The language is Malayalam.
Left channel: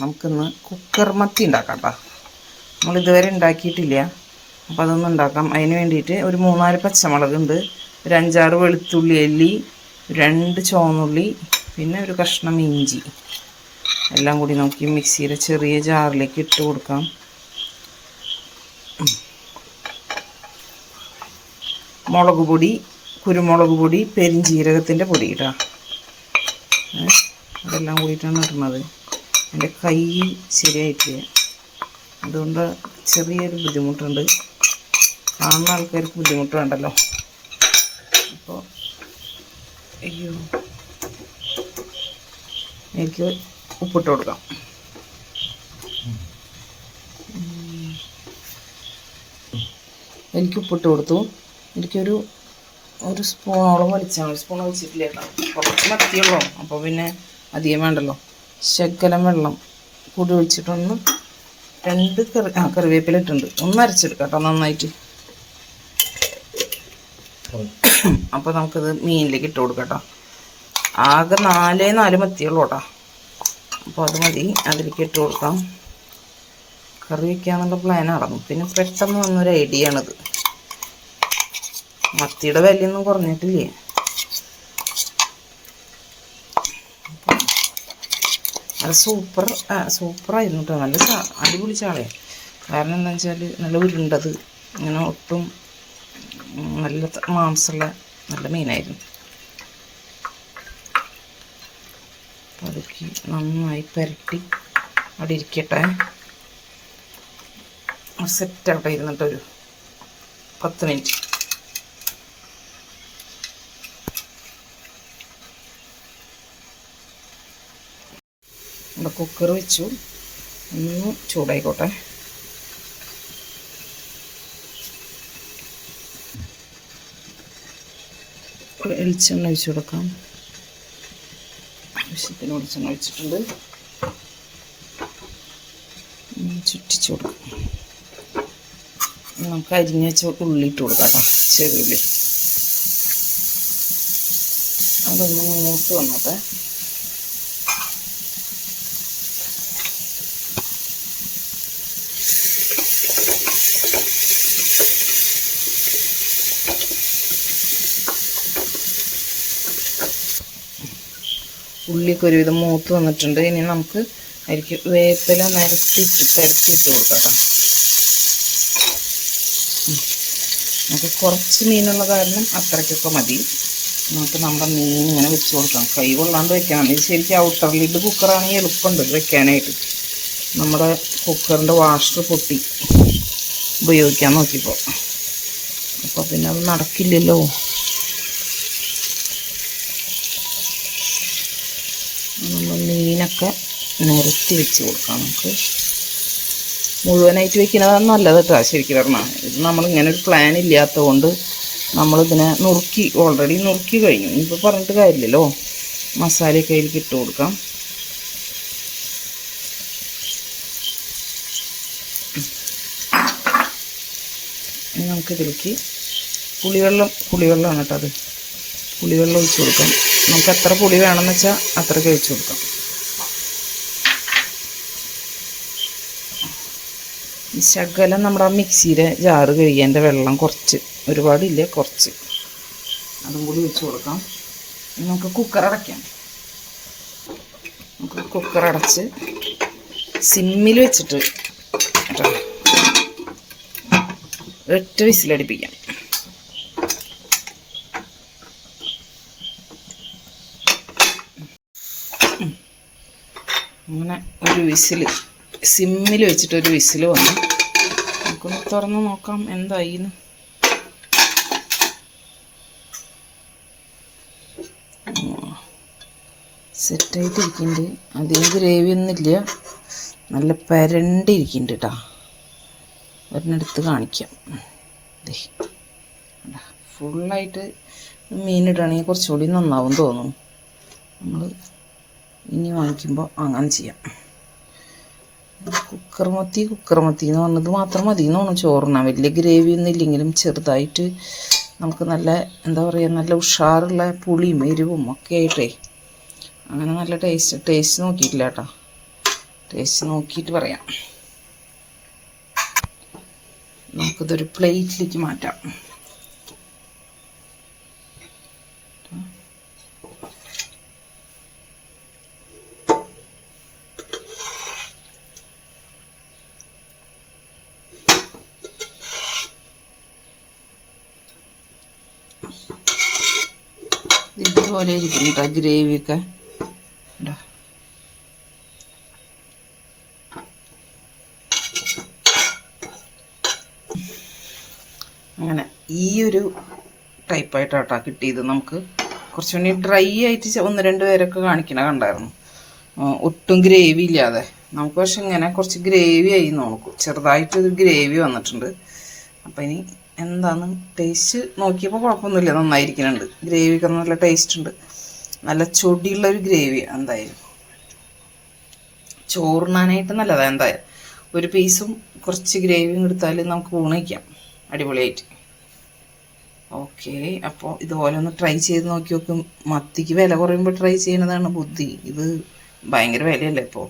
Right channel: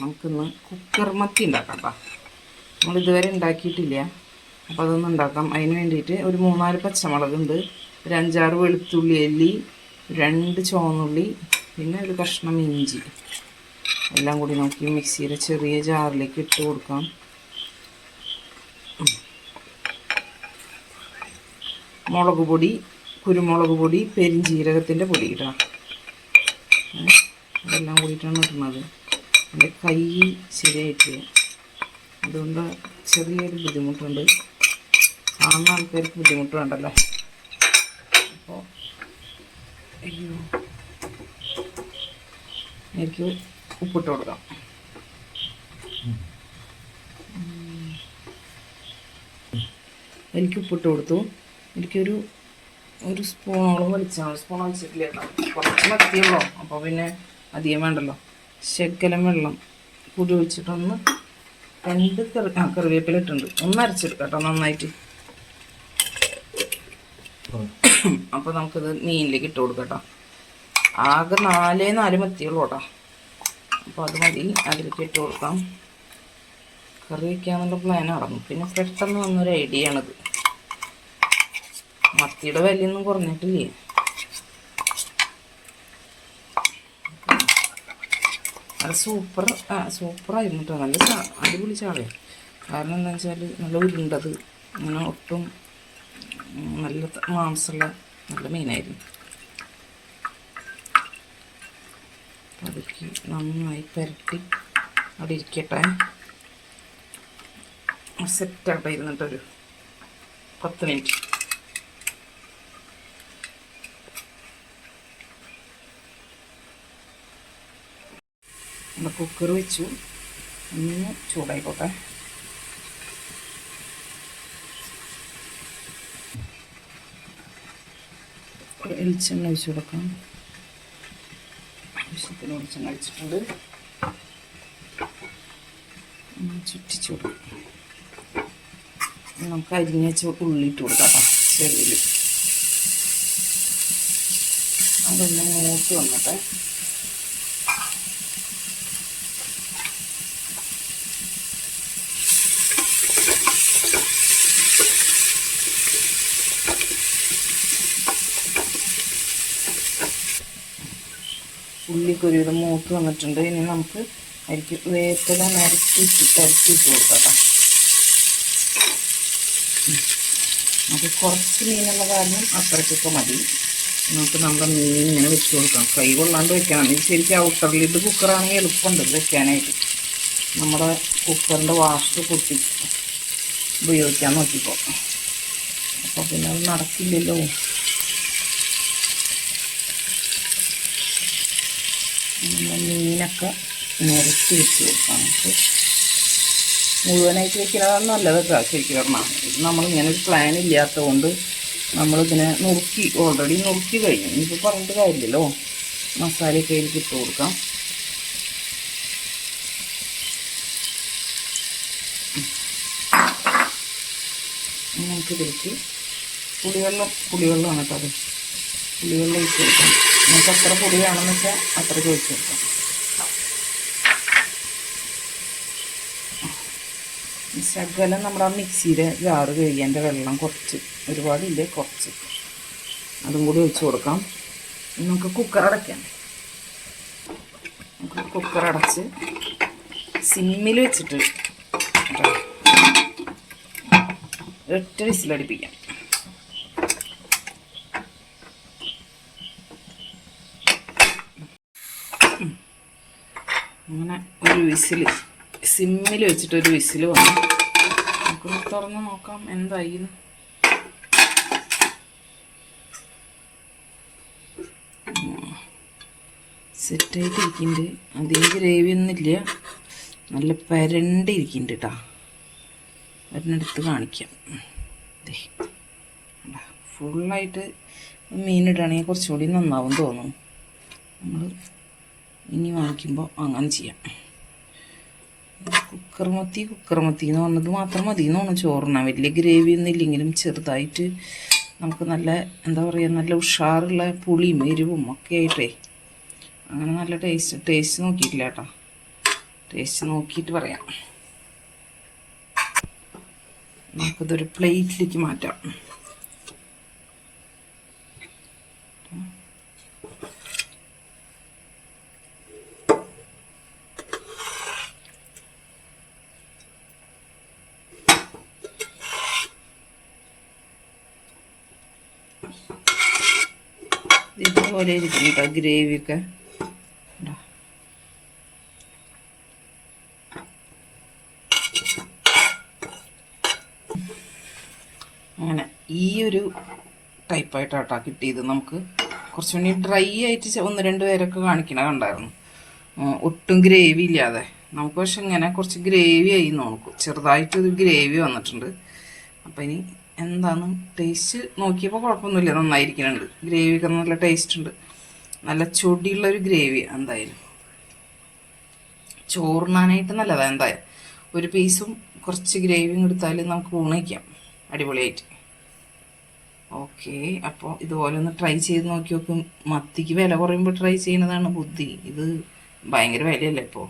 നമുക്കിന്ന് കുക്കർ മത്തി ഉണ്ടാക്കാം കേട്ടോ. നമ്മളിതുവരെ ഉണ്ടാക്കിയിട്ടില്ല, അപ്പോൾ അതൊന്നും ഉണ്ടാക്കാം. അതിന് വേണ്ടിയിട്ട് ഒരു 3-4 പച്ചമുളകുണ്ട്, ഒരു 5-6 വെളുത്തുള്ളി അല്ലി, 2 ചുവന്നുള്ളി, പിന്നെ ഒരു കഷ്ണം ഇഞ്ചി. എല്ലാം കൂടി നോക്കി മിക്സിയുടെ ചെറിയ ജാറിലേക്ക് ഇട്ട് കൊടുക്കാം. മുളക് പൊടി, കുരുമുളക് പൊടി, പെരിഞ്ജീരകത്തിൻ്റെ പൊടി ഇടാം. അതെല്ലാം കൂടിയിട്ടാണ് ഇടുന്നത്. എൻ്റെ കൈ ശരിയായിട്ടില്ല, അതുകൊണ്ട് ചെറിയൊരു ബുദ്ധിമുട്ടുണ്ട്. കാണുന്ന ആൾക്കാർക്ക് ബുദ്ധിമുട്ട് വേണ്ടല്ലോ. അപ്പോൾ അയ്യോ, എനിക്ക് ഉപ്പിട്ട് കൊടുക്കാം. എനിക്ക് ഉപ്പിട്ട് കൊടുത്തു. എനിക്കൊരു സ്പൂണോളം ഒഴിച്ചാൽ മതി. സ്പൂൺ ഒഴിച്ചിട്ടില്ല കേട്ടോ, കുറച്ച് മത്തിയുള്ളൂ. അപ്പോൾ പിന്നെ അധികം വേണ്ടല്ലോ. ശകലം വെള്ളം കൂടി ഒഴിച്ചിട്ടൊന്ന് 2 കറിവേപ്പില ഇട്ടുണ്ട്. ഒന്ന് അരച്ചെടുക്കാം കേട്ടോ നന്നായിട്ട്. അപ്പോൾ നമുക്കിത് മീനിലേക്ക് ഇട്ട് കൊടുക്കാം കേട്ടോ. ആകെ 4 മത്തിയുള്ളൂ കേട്ടോ, അപ്പോൾ അത് മതി. അതിലേക്ക് ഇട്ട് കൊടുക്കാം. കറി വയ്ക്കാന്നുള്ള പ്ലാൻ നടന്നു. പിന്നെ പെട്ടെന്ന് വന്നൊരു ഐഡിയ ആണിത്. മത്തിയുടെ വിലയൊന്നും കുറഞ്ഞിട്ടില്ലേ. നല്ല സൂപ്പറായിരുന്നു കേട്ടോ. നല്ല അടിപൊളി ചാളയാണ്. കാരണം എന്താ വെച്ചാൽ നല്ല ഉരുണ്ടത്, ഇങ്ങനെ ഒട്ടും നല്ല മാംസമുള്ള നല്ല മീനായിരുന്നു. അപ്പോൾ അതിലേക്ക് നന്നായി പുരട്ടി അവിടെ ഇരിക്കട്ടെ. സെറ്റാവട്ടെ ഇരുന്നിട്ടൊരു 10 മിനിറ്റ്. കുക്കർ വെച്ചു, ഒന്ന് ചൂടായിക്കോട്ടെ. വെളിച്ചെണ്ണ ഒഴിച്ചു കൊടുക്കാം. ആവശ്യത്തിന് വെളിച്ചെണ്ണ ഒഴിച്ചിട്ടുണ്ട്. ചുറ്റിച്ചു കൊടുക്കാം. നമുക്ക് അരിഞ്ഞ ഉള്ളി ഇട്ട് കൊടുക്കാം കേട്ടോ, ചെറുള്ളി. അതൊന്ന് മൂത്ത് വന്നട്ടെ. ഉള്ളിയൊക്കെ ഒരുവിധം മൂത്ത് വന്നിട്ടുണ്ട്. ഇനി നമുക്ക് അതിലേക്ക് വേപ്പില പരത്തിയിട്ട് കൊടുക്കാം. നമുക്ക് കുറച്ച് മീനുള്ള കാരണം അത്രയ്ക്കൊക്കെ മതി. നമുക്ക് നമ്മുടെ മീൻ ഇങ്ങനെ വെച്ച് കൊടുക്കാം. കൈ കൊള്ളാണ്ട് വെക്കണം. ഇത് ശരിക്കും ഔട്ടർ ലിഡ് കുക്കറാണെങ്കിൽ എളുപ്പമുണ്ട് വെക്കാനായിട്ട്. നമ്മുടെ കുക്കറിൻ്റെ വാഷർ പൊട്ടി ഉപയോഗിക്കാൻ നോക്കിയപ്പോൾ, അപ്പോൾ പിന്നെ അത് നടക്കില്ലല്ലോ. നമ്മൾ മീനൊക്കെ നിരത്തി വെച്ച് കൊടുക്കാം. നമുക്ക് മുഴുവനായിട്ട് വെക്കുന്നതാണ് നല്ലത് കേട്ടോ. ശരിക്കും പറഞ്ഞാൽ ഇത് നമ്മളിങ്ങനെ ഒരു പ്ലാൻ ഇല്ലാത്തത് കൊണ്ട് നമ്മളിതിനെ ഓൾറെഡി നുറുക്കി കഴിഞ്ഞു. ഇനിയിപ്പോൾ പറഞ്ഞിട്ട് കാര്യമില്ലല്ലോ. മസാലയൊക്കെ അതിലേക്ക് ഇട്ട് കൊടുക്കാം. നമുക്കിതിലേക്ക് പുളിവെള്ളമാണ് കേട്ടോ. അത് പുളിവെള്ളം ഒഴിച്ച് കൊടുക്കാം. നമുക്ക് എത്ര പുളി വേണമെന്ന് വെച്ചാൽ അത്രയ്ക്ക് ഒഴിച്ച് കൊടുക്കാം. ശകലം നമ്മുടെ മിക്സിയുടെ ജാറ് കഴുകിയതിൻ്റെ വെള്ളം കുറച്ച്, ഒരുപാടില്ല, കുറച്ച് അതും കൂടി ഒഴിച്ച് കൊടുക്കാം. നമുക്ക് കുക്കർ അടയ്ക്കാം. നമുക്ക് കുക്കർ അടച്ച് സിമ്മിൽ വെച്ചിട്ട് കേട്ടോ 8 വിസിലടിപ്പിക്കാം. അങ്ങനെ ഒരു വിസിൽ സിമ്മിൽ വെച്ചിട്ട് ഒരു വിസിൽ വന്നു. നമുക്കൊന്ന് തുറന്ന് നോക്കാം എന്തായിന്ന്. സെറ്റായിട്ടിരിക്കുന്നുണ്ട്. അധികം ഗ്രേവിയൊന്നുമില്ല, നല്ല പരണ്ടിരിക്കുന്നുണ്ട് കേട്ടോ. ഒരെണ്ണെടുത്ത് കാണിക്കാം. ഫുള്ളായിട്ട് മീനിടുകയാണെങ്കിൽ കുറച്ചുകൂടി നന്നാവും തോന്നുന്നു. നമ്മൾ ഇനി വാങ്ങിക്കുമ്പോൾ അങ്ങനെ ചെയ്യാം. കുക്കർ മത്തി എന്ന് പറഞ്ഞത് മാത്രം മതി എന്ന് തോന്നുന്നു ചോറിനാൻ. വലിയ ഗ്രേവിയൊന്നും ഇല്ലെങ്കിലും ചെറുതായിട്ട് നമുക്ക് നല്ല എന്താ പറയുക, നല്ല ഉഷാറുള്ള പുളിയും എരിവും ഒക്കെ ആയിട്ടേ അങ്ങനെ നല്ല ടേസ്റ്റ് നോക്കിയിട്ടില്ല കേട്ടോ. ടേസ്റ്റ് നോക്കിയിട്ട് പറയാം. നമുക്കിതൊരു പ്ലേറ്റിലേക്ക് മാറ്റാം. ഇതുപോലെ ഇരിക്കും കേട്ടോ ഗ്രേവിയൊക്കെ. അങ്ങനെ ഈ ഒരു ടൈപ്പായിട്ടാട്ടോ കിട്ടിയത്. നമുക്ക് കുറച്ചുകൂടി ഡ്രൈ ആയിട്ട് 1-2 പേരൊക്കെ കാണിക്കണ കണ്ടായിരുന്നു, ഒട്ടും ഗ്രേവി ഇല്ലാതെ. നമുക്ക് പക്ഷെ ഇങ്ങനെ കുറച്ച് ഗ്രേവി ആയി നോക്കും, ചെറുതായിട്ടൊരു ഗ്രേവി വന്നിട്ടുണ്ട്. അപ്പം ഇനി എന്താന്ന് ടേസ്റ്റ് നോക്കിയപ്പോൾ കുഴപ്പമൊന്നുമില്ല, നന്നായിരിക്കുന്നുണ്ട്. ഗ്രേവിക്ക് നല്ല ടേസ്റ്റ് ഉണ്ട്, നല്ല ചൊടിയുള്ളൊരു ഗ്രേവി. എന്തായാലും ചോറിനാനായിട്ട് നല്ലതാണ്. എന്തായാലും ഒരു പീസും കുറച്ച് ഗ്രേവിയും എടുത്താൽ നമുക്ക് ഊണ് വയ്ക്കാം അടിപൊളിയായിട്ട്. ഓക്കെ, അപ്പോൾ ഇതുപോലെ ഒന്ന് ട്രൈ ചെയ്ത് നോക്കി നോക്കും. മത്തിക്ക് വില കുറയുമ്പോൾ ട്രൈ ചെയ്യുന്നതാണ് ബുദ്ധി. ഇത് ഭയങ്കര വിലയല്ലേ ഇപ്പോൾ.